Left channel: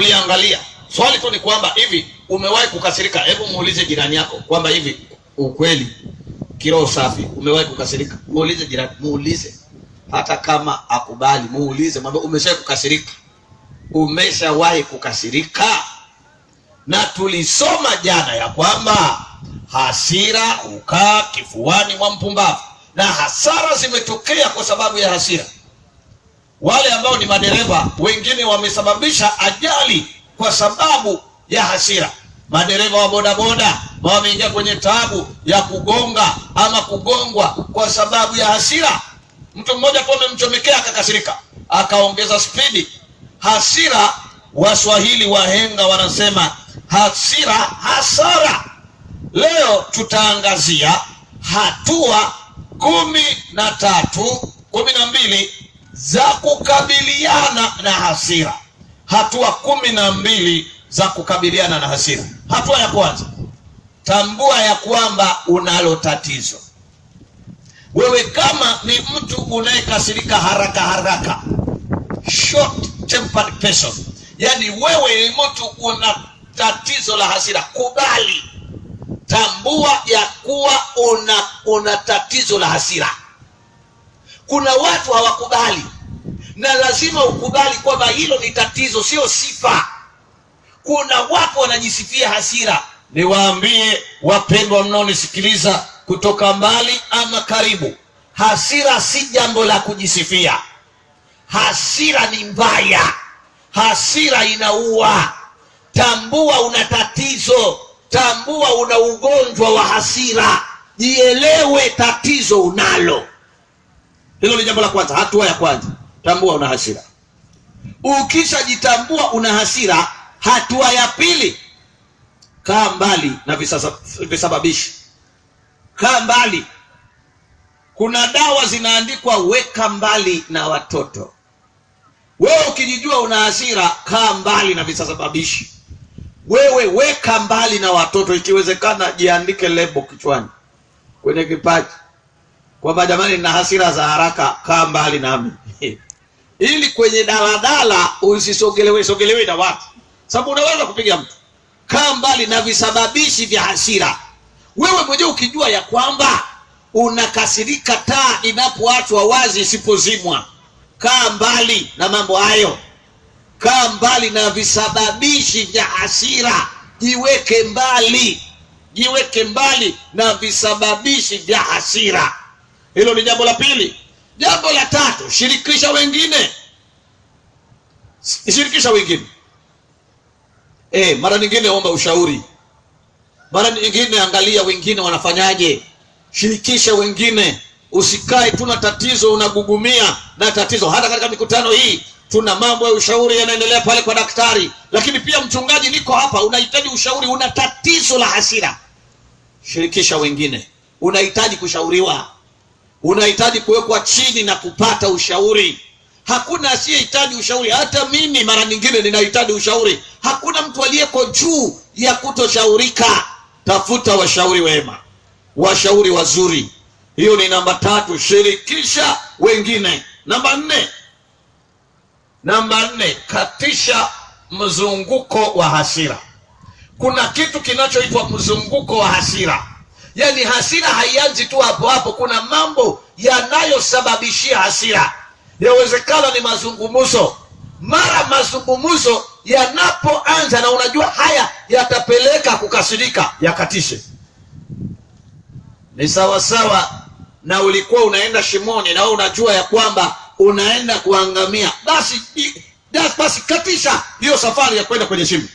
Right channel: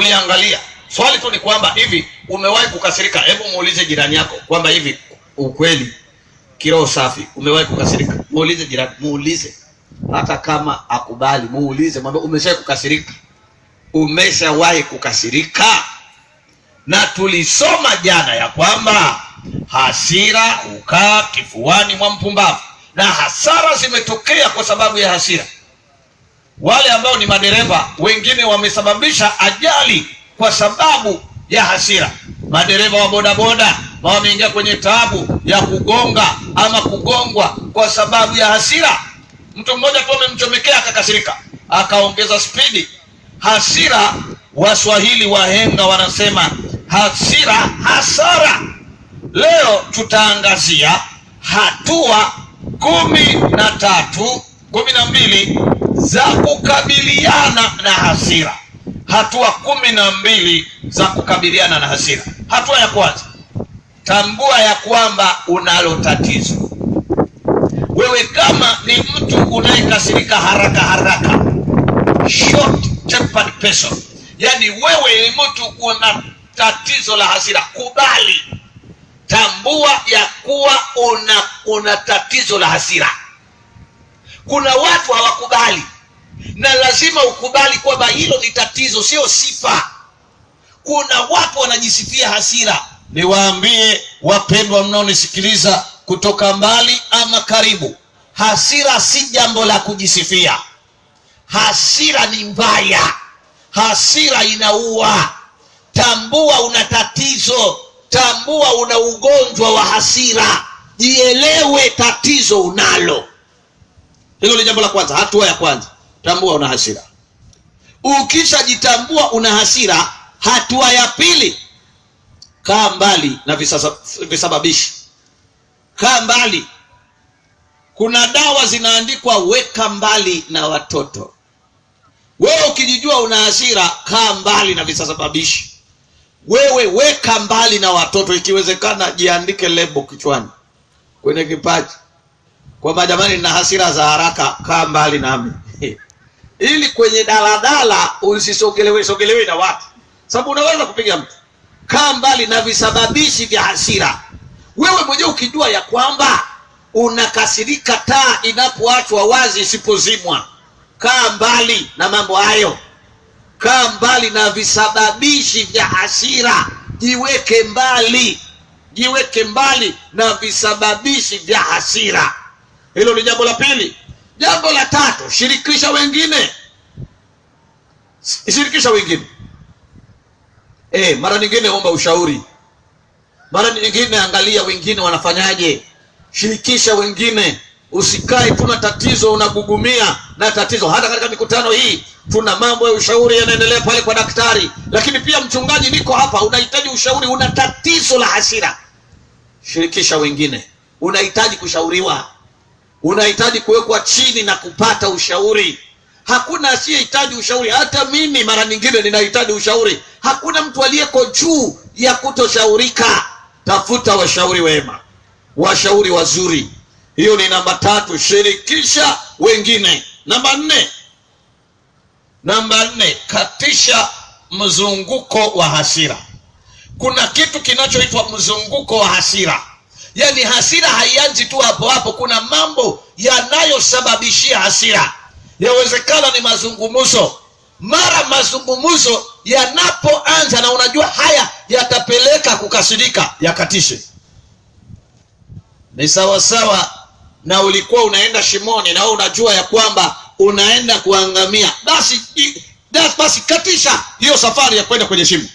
tuliangalia. Swali tu ni kwamba hivi umewahi kukasirika? Hebu muulize jirani yako kwamba hivi ukweli kiroho safi umewahi kukasirika? Muulize jirani, muulize. Hata kama akubali, muulize, mwambie umeshawahi kukasirika? Umeshawahi kukasirika? Na tulisoma jana ya kwamba hasira hukaa kifuani mwa mpumbavu, na hasara zimetokea kwa sababu ya hasira. Wale ambao ni madereva, wengine wamesababisha ajali kwa sababu ya hasira. Madereva wa bodaboda wameingia kwenye taabu ya kugonga ama kugongwa kwa sababu ya hasira. Mtu mmoja tu amemchomekea akakasirika, akaongeza spidi. Hasira, Waswahili wahenga wanasema hasira hasara. Leo tutaangazia hatua 12 za kukabiliana na hasira. Hatua 12 za kukabiliana na hasira. Hatua ya kwanza, tambua ya kwamba unalo tatizo. Wewe kama ni mtu unayekasirika haraka haraka, short tempered person, yani wewe ni mtu una tatizo la hasira, kubali. Tambua ya kuwa una tatizo la hasira. Kuna watu hawakubali, na lazima ukubali kwamba hilo ni tatizo, sio sifa. Kuna watu wanajisifia hasira. Niwaambie wapendwa mnaonisikiliza kutoka mbali ama karibu, hasira si jambo la kujisifia. Hasira ni mbaya, hasira inaua. Tambua una tatizo, tambua una ugonjwa wa hasira, jielewe tatizo unalo. Hilo ni jambo la kwanza, hatua ya kwanza, tambua una hasira. Ukishajitambua una hasira, hatua ya pili, kaa mbali na visababishi. Kaa mbali. Kuna dawa zinaandikwa weka mbali na watoto. Wewe ukijijua una hasira, kaa mbali na visababishi. Wewe weka mbali na watoto. Ikiwezekana jiandike lebo kichwani, kwenye kipaji, kwamba jamani nina hasira za haraka, kaa mbali nami. Ili kwenye daladala usisogelewe na watu, sababu unaweza kupiga mtu. Kaa mbali na visababishi vya hasira. Wewe mwenyewe ukijua ya kwamba unakasirika taa inapoachwa wazi isipozimwa, kaa mbali na mambo hayo. Kaa mbali na visababishi vya hasira. Jiweke mbali. Jiweke mbali na visababishi vya hasira. Hilo ni jambo la pili. Jambo la tatu, shirikisha wengine. Shirikisha wengine. Mara nyingine omba ushauri. Mara nyingine angalia wengine wanafanyaje. Shirikisha wengine. Usikae tuna tatizo unagugumia na tatizo. Hata katika mikutano hii tuna mambo ya ushauri yanaendelea pale kwa daktari, lakini pia mchungaji, niko hapa, unahitaji ushauri, una tatizo la hasira. Shirikisha wengine. Unahitaji kushauriwa, unahitaji kuwekwa chini na kupata ushauri. Hakuna asiyehitaji ushauri. Hata mimi mara nyingine ninahitaji ushauri. Hakuna mtu aliyeko juu ya kutoshaurika. Tafuta washauri wema, washauri wazuri. Hiyo ni namba 3, shirikisha wengine. Namba 4, katisha mzunguko wa hasira. Kuna kitu kinachoitwa mzunguko wa hasira. Yaani hasira haianzi tu hapo hapo, kuna mambo yanayosababishia hasira. Yawezekana ni mazungumzo. Mara mazungumzo yanapoanza na unajua haya yatapeleka kukasirika, yakatishe. Ni sawa sawa na ulikuwa unaenda shimoni na unajua ya kwamba unaenda kuangamia. Basi katisha hiyo safari ya kwenda kwenye shimo.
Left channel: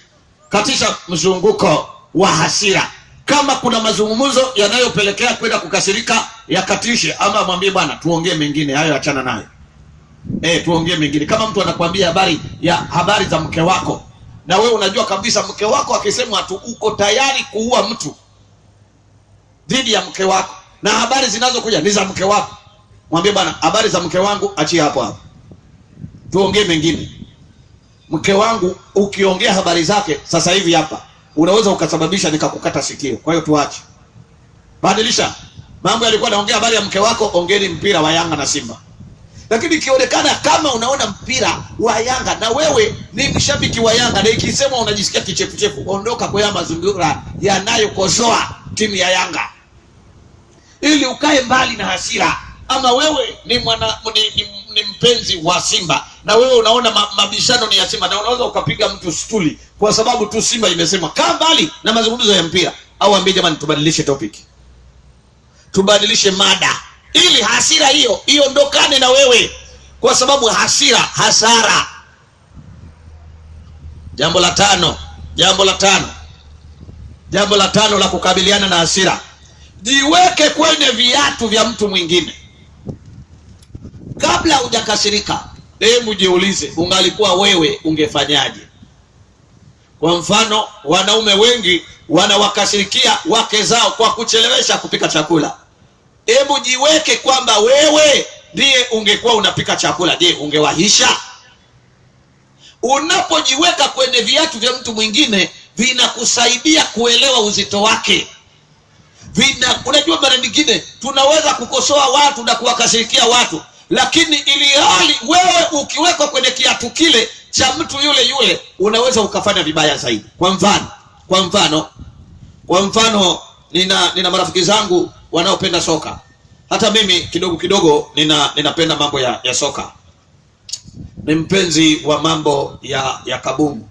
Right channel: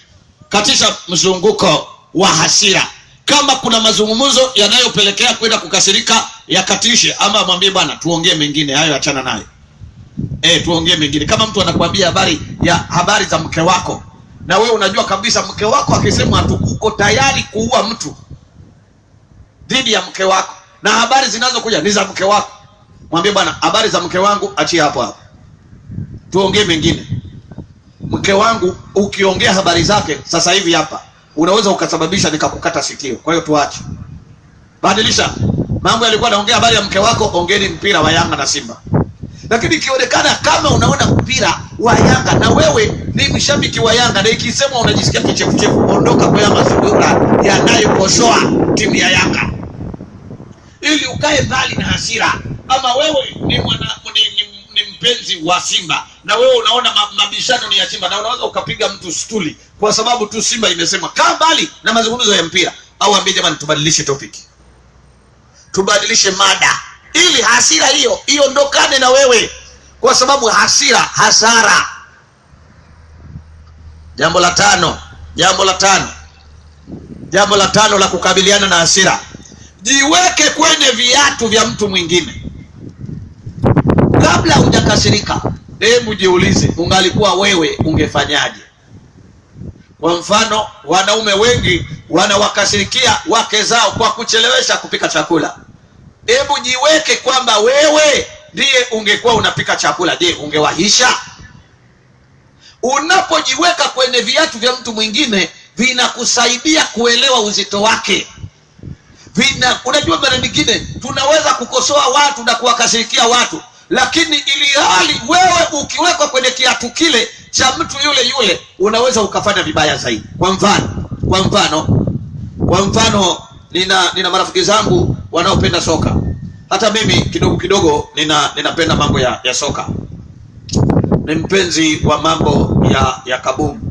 Katisha mzunguko wa hasira. Kama kuna mazungumzo yanayopelekea kwenda kukasirika, yakatishe, ama mwambie bwana tuongee mengine, hayo achana nayo. Tuongee mengine. Kama mtu anakuambia habari za mke wako, na wewe unajua kabisa mke wako akisema uko tayari kuua mtu dhidi ya mke wako, na habari zinazokuja ni za mke wako, mwambie bwana habari za mke wangu achia hapo hapo, tuongee mengine. Mke wangu ukiongea habari zake sasa hivi hapa unaweza ukasababisha nikakukata sikio, kwa hiyo tuache. Badilisha mambo. Yalikuwa naongea habari ya mke wako, ongeeni mpira wa Yanga na Simba. Lakini ikionekana kama unaona mpira wa Yanga na wewe ni mshabiki wa Yanga na ikisema unajisikia kichefuchefu, ondoka kwa mazingira yanayokosoa timu ya Yanga ili ukae mbali na hasira. Ama wewe ni mpenzi wa Simba na wewe unaona mabishano ni ya Simba na unaweza ukapiga mtu stuli kwa sababu tu Simba imesema, kaa mbali na mazungumzo ya mpira. Au ambie jamani, tubadilishe topic, tubadilishe mada ili hasira hiyo iondokane na wewe, kwa sababu hasira hasara. Jambo la tano la kukabiliana na hasira: jiweke kwenye viatu vya mtu mwingine. Kabla hujakasirika, hebu jiulize, ungalikuwa wewe ungefanyaje? Kwa mfano, wanaume wengi wanawakasirikia wake zao kwa kuchelewesha kupika chakula. Hebu jiweke kwamba wewe ndiye ungekuwa unapika chakula. Je, ungewahisha? Unapojiweka kwenye viatu vya mtu mwingine, vinakusaidia kuelewa uzito wake. Unajua, mara nyingine tunaweza kukosoa watu na kuwakasirikia watu, lakini ili hali wewe ukiwekwa kwenye kiatu kile cha mtu yule unaweza ukafanya vibaya zaidi. Kwa mfano nina marafiki zangu wanaopenda soka. Hata mimi kidogo ninapenda mambo ya soka. Ni mpenzi wa mambo ya kabumbu.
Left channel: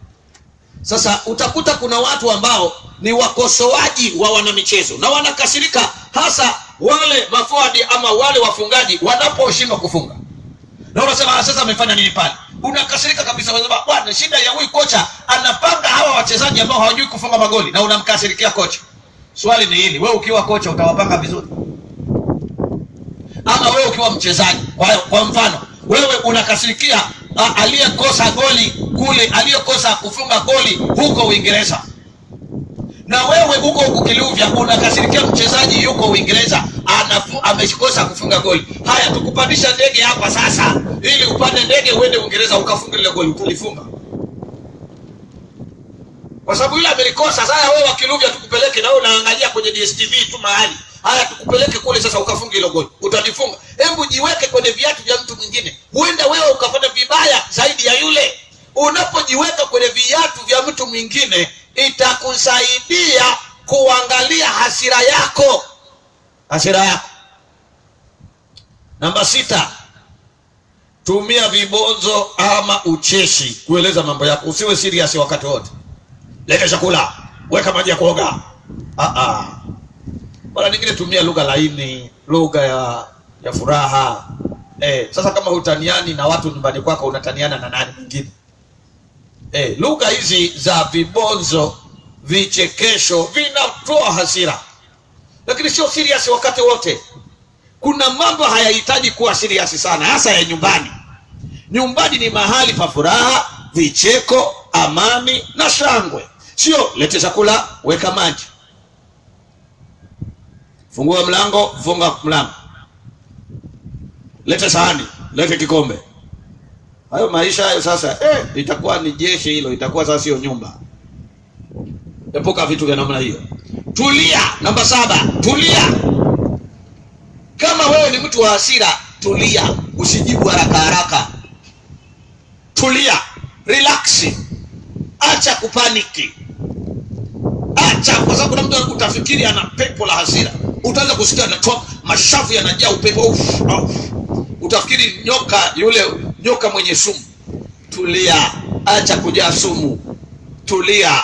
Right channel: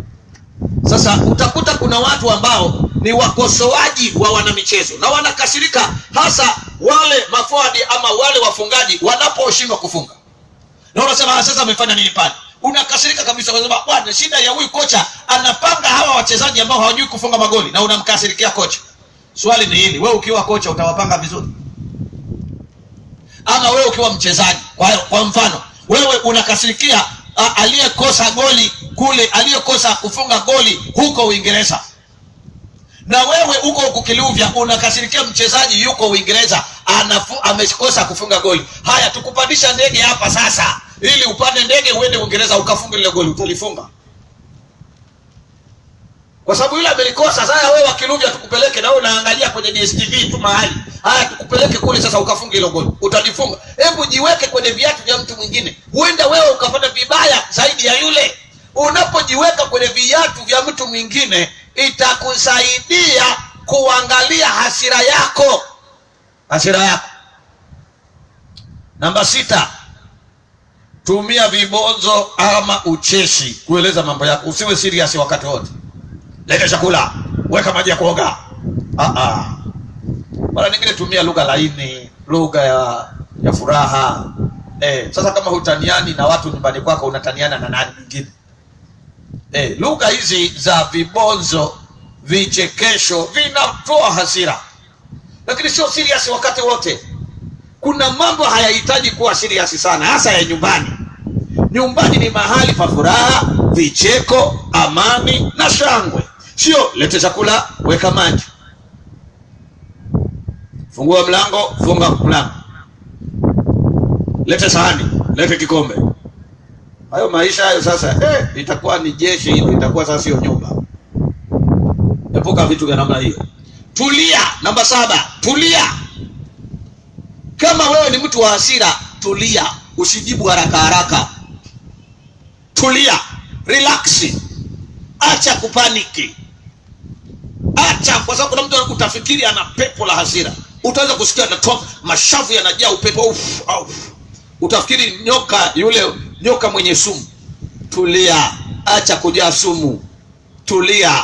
Sasa utakuta kuna watu ambao ni wakosoaji wa wanamichezo na wanakasirika, hasa wale maforward ama wale wafungaji wanaposhindwa kufunga. Na unasema sasa amefanya nini pale? Unakasirika kabisa, unasema bwana, shida ya huyu kocha anapanga hawa wachezaji ambao hawajui kufunga magoli, na unamkasirikia kocha. Swali ni hili, wewe ukiwa kocha utawapanga vizuri? Ama wewe ukiwa mchezaji, kwa mfano wewe unakasirikia aliyekosa goli kule, aliyekosa kufunga goli huko Uingereza, na wewe uko ukiluvya unakasirikia mchezaji yuko Uingereza amekosa kufunga goli. Haya, tukupandisha ndege hapa sasa ili upande ndege uende Uingereza ukafunga ile goli, utalifunga? Kwa sababu yule amelikosa. Sasa wewe wakiluvya tukupeleke, na wewe unaangalia kwenye DStv tu mahali. Haya, tukupeleke kule sasa ukafunga ile goli, utalifunga? Hebu jiweke kwenye viatu vya mtu mwingine, huenda wewe ukafanya vibaya zaidi ya yule. Unapojiweka kwenye viatu vya mtu mwingine, itakusaidia kuangalia hasira yako. Namba 6, tumia vibonzo ama ucheshi kueleza mambo yako. Usiwe serious wakati wote. Leta chakula, weka maji ya kuoga. Mara nyingine tumia lugha laini, lugha ya furaha. Sasa kama hutaniani na watu nyumbani kwako, unataniana na nani mwingine? Lugha hizi za vibonzo, vichekesho vinatoa hasira, lakini sio serious wakati wote. Kuna mambo hayahitaji kuwa serious sana, hasa ya nyumbani. Nyumbani ni mahali pa furaha, vicheko, amani na shangwe. Sio lete chakula, weka maji, fungua mlango, funga mlango, lete sahani, lete kikombe. Hayo maisha hayo sasa itakuwa ni jeshi hilo, itakuwa sasa sio nyumba. Epuka vitu vya namna hiyo. Tulia. Namba 7, tulia. Kama wewe ni mtu wa hasira, tulia, usijibu haraka. Tulia, relax. Acha kupaniki. Acha, kwa sababu kuna mtu utafikiri ana pepo la hasira. Utaanza kusikia anatoka mashavu yanajaa upepo. Utafikiri nyoka mwenye sumu. Tulia, acha kujaa sumu. Tulia.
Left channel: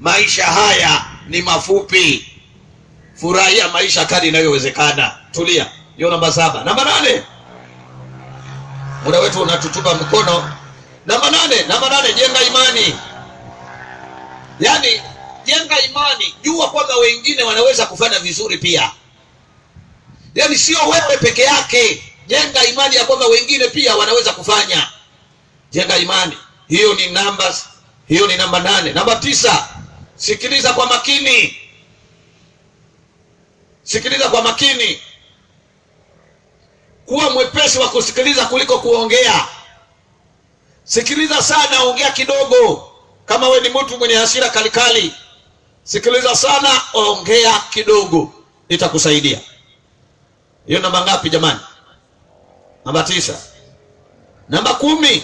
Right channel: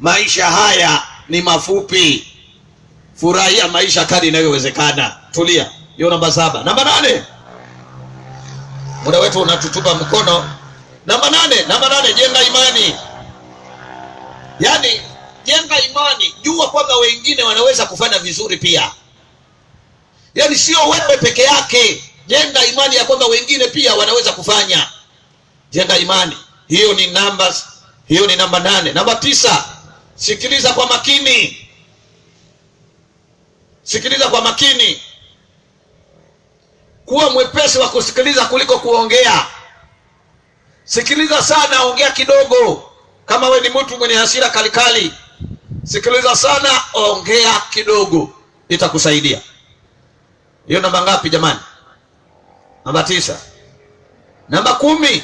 Maisha haya ni mafupi. Furahia maisha kadri inayowezekana. Tulia. Hiyo namba 7. Namba 8. Muda wetu unatutupa mkono. Namba 8, jenga imani. Yaani jenga imani, jua kwamba wengine wanaweza kufanya vizuri pia. Yaani sio wewe peke yake. Jenga imani ya kwamba wengine pia wanaweza kufanya. Jenga imani. Hiyo ni namba 8. Namba 9, sikiliza kwa makini. Sikiliza kwa makini. Kuwa mwepesi wa kusikiliza kuliko kuongea. Sikiliza sana, ongea kidogo. Kama we ni mtu mwenye hasira kalikali, sikiliza sana, ongea kidogo, itakusaidia. Hiyo namba ngapi jamani? Namba 9. Namba 10,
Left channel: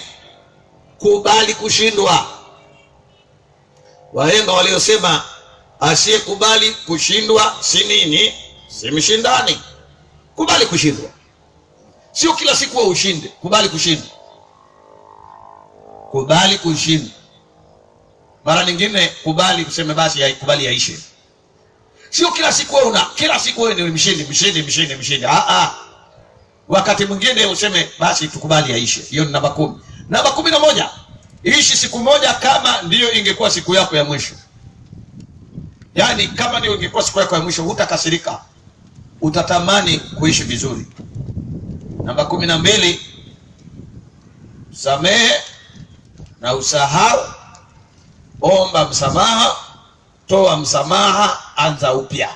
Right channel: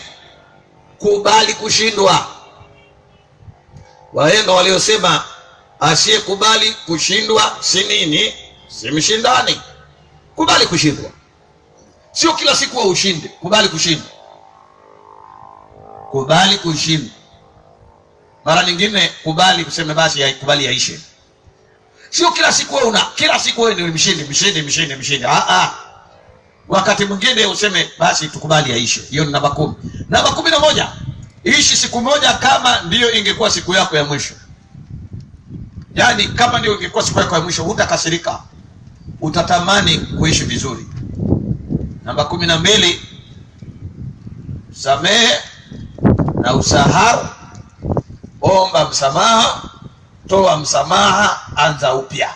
kubali kushindwa. Wahenga waliosema asiyekubali kushindwa si nini? Si mshindani. Kubali kushindwa. Sio kila siku wa ushinde, kubali kushindwa. Kubali kushindwa. Mara nyingine kubali kuseme basi kubali yaishe. Sio kila siku wewe ni mshindi. Wakati mwingine useme basi tukubali yaishe. Hiyo ni namba 10. Namba 11, ishi siku moja kama ndiyo ingekuwa siku yako ya mwisho. Yaani kama ndiyo ingekuwa siku yako ya mwisho, hutakasirika. Utatamani kuishi vizuri. Namba 12, samehe na usahau. Omba msamaha, toa msamaha, anza upya.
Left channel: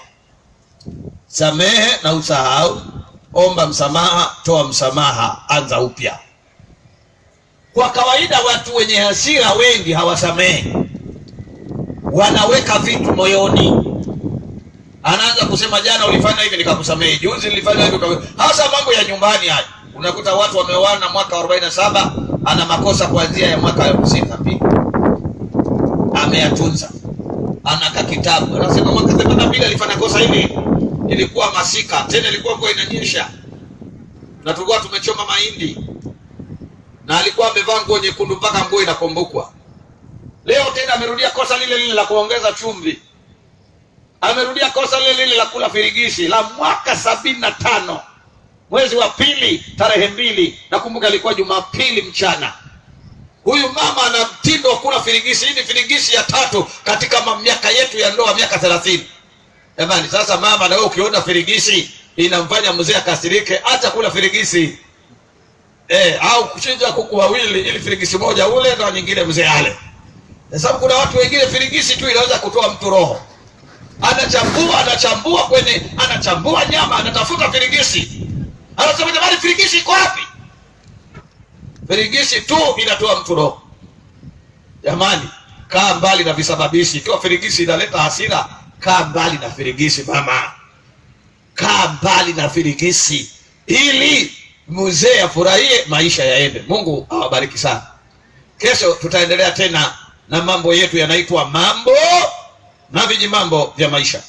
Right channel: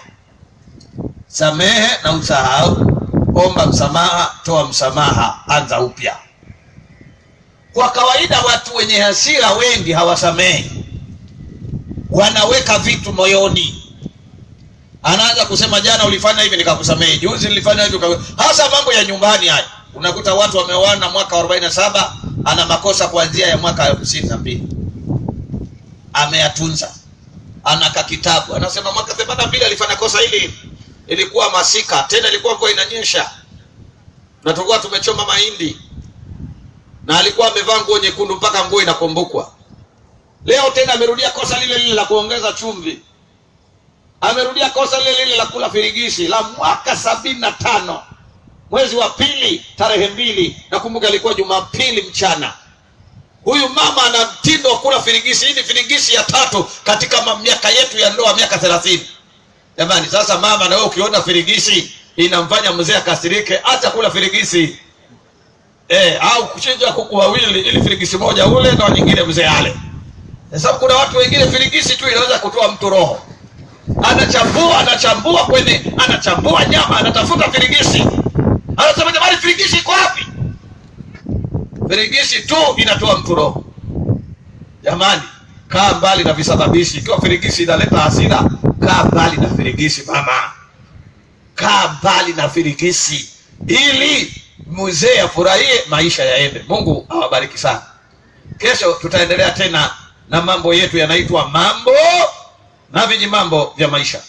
Samehe na usahau, omba msamaha, toa msamaha, anza upya. Kwa kawaida watu wenye hasira wengi hawasamehi. Wanaweka vitu moyoni. Anaanza kusema jana ulifanya hivi nikakusamehe, juzi nilifanya hivi hasa mambo ya nyumbani haya. Unakuta watu wameoana mwaka 47, ana makosa kuanzia ya mwaka 52. Ameyatunza. Anaka kitabu. Anasema mwaka 82 alifanya kosa hili. Ilikuwa masika, tena ilikuwa mvua inanyesha. Na tulikuwa tumechoma mahindi. Na alikuwa amevaa nguo nyekundu mpaka nguo inakumbukwa. Leo tena amerudia kosa lile la kuongeza chumvi. Amerudia kosa lile la kula firigishi la mwaka 75. Mwezi wa pili tarehe 2, nakumbuka ilikuwa Jumapili mchana. Huyu mama ana mtindo wa kula firigishi. Hii ni firigishi ya 3 katika miaka yetu ya ndoa, miaka 30. Jamani, sasa mama na wewe ukiona firigishi inamfanya mzee akasirike, acha kula firigishi. Au kuchinja kuku wawili ili firigishi moja ule na nyingine mzee ale. Sababu kuna watu wengine firigishi tu inaweza kutoa mtu roho. Anachambua nyama, anatafuta firigishi. Anasema jamani, firigishi iko wapi? Firigishi tu inatoa mtu roho. Jamani, kaa mbali na visababishi. Ikiwa firigishi inaleta hasira, kaa mbali na firigishi mama. Kaa mbali na firigishi ili mzee afurahie, maisha yaende. Mungu awabariki sana. Kesho tutaendelea tena na mambo yetu yanaitwa mambo na vijimambo vya maisha.